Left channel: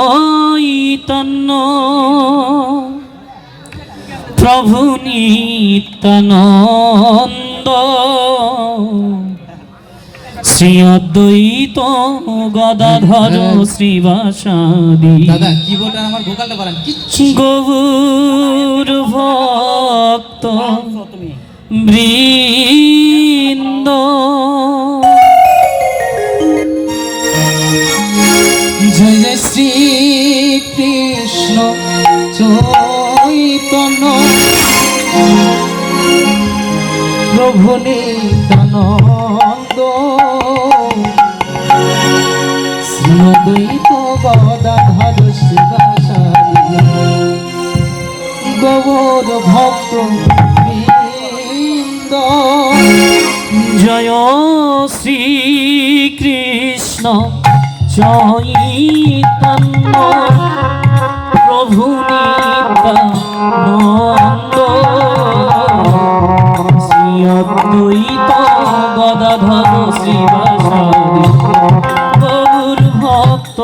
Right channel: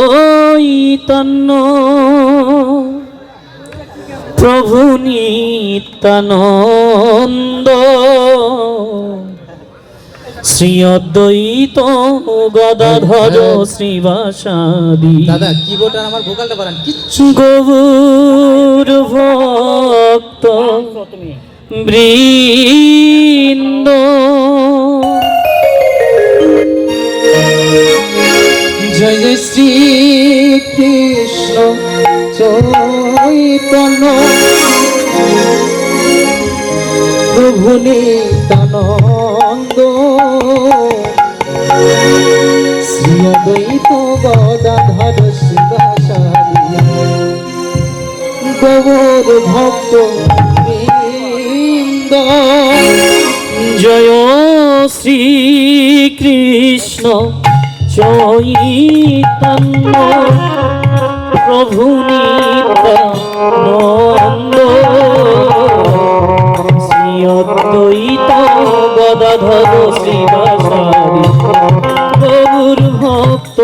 চৈতন্য প্রভু নিত্যানন্দ শ্রী অদ্বৈত গদাধর শ্রীবাসাদি দাদা কিবোর্ড আর আমার ভোকালটা বাড়ান? কিচ্ছু গৌর ভক্ত বৃন্দ চৈতন্য। প্রভু নিত্যানন্দ শ্রী অদ্বৈত গদাধর শিবাচার্য। গৌর ভক্ত জয় শ্রীকৃষ্ণ। চৈতন্য। প্রভু নিত্যানন্দ শ্রী অদ্বৈত গদাধর শ্রীবাসাদি গৌর ভক্ত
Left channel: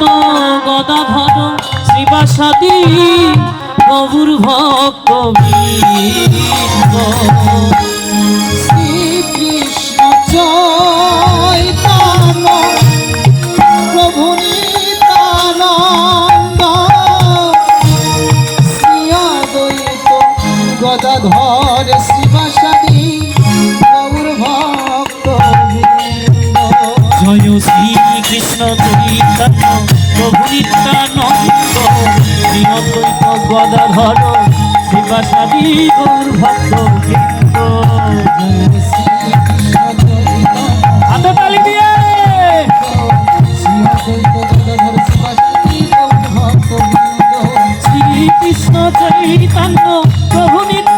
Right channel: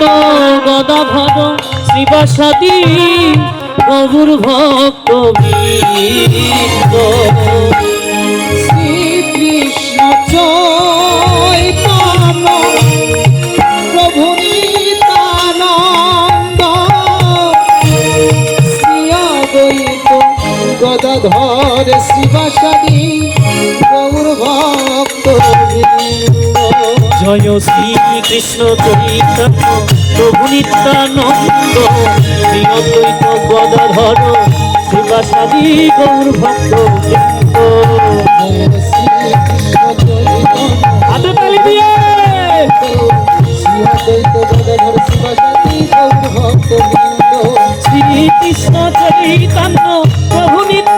অদ্বৈত গদাধর শ্রীবাসাদি, প্রভুর ভক্ত বৃন্দ। শ্রীকৃষ্ণ চৈতন্য, প্রভু নিত্যানন্দ শ্রী অদ্বৈত গদাধর ভক্ত বৃন্দ। জয় শ্রীকৃষ্ণ চৈতন্য প্রভু নিত্যানন্দ শ্রী অদ্বৈত গদাধর শিবাসাদি গৌর ভক্ত বৃন্দ। জয় শ্রীকৃষ্ণ চৈতন্য হাতে তালি দিয়ে শ্রী। শ্রীকৃষ্ণ চৈতন্য প্রভু নিত্যানন্দ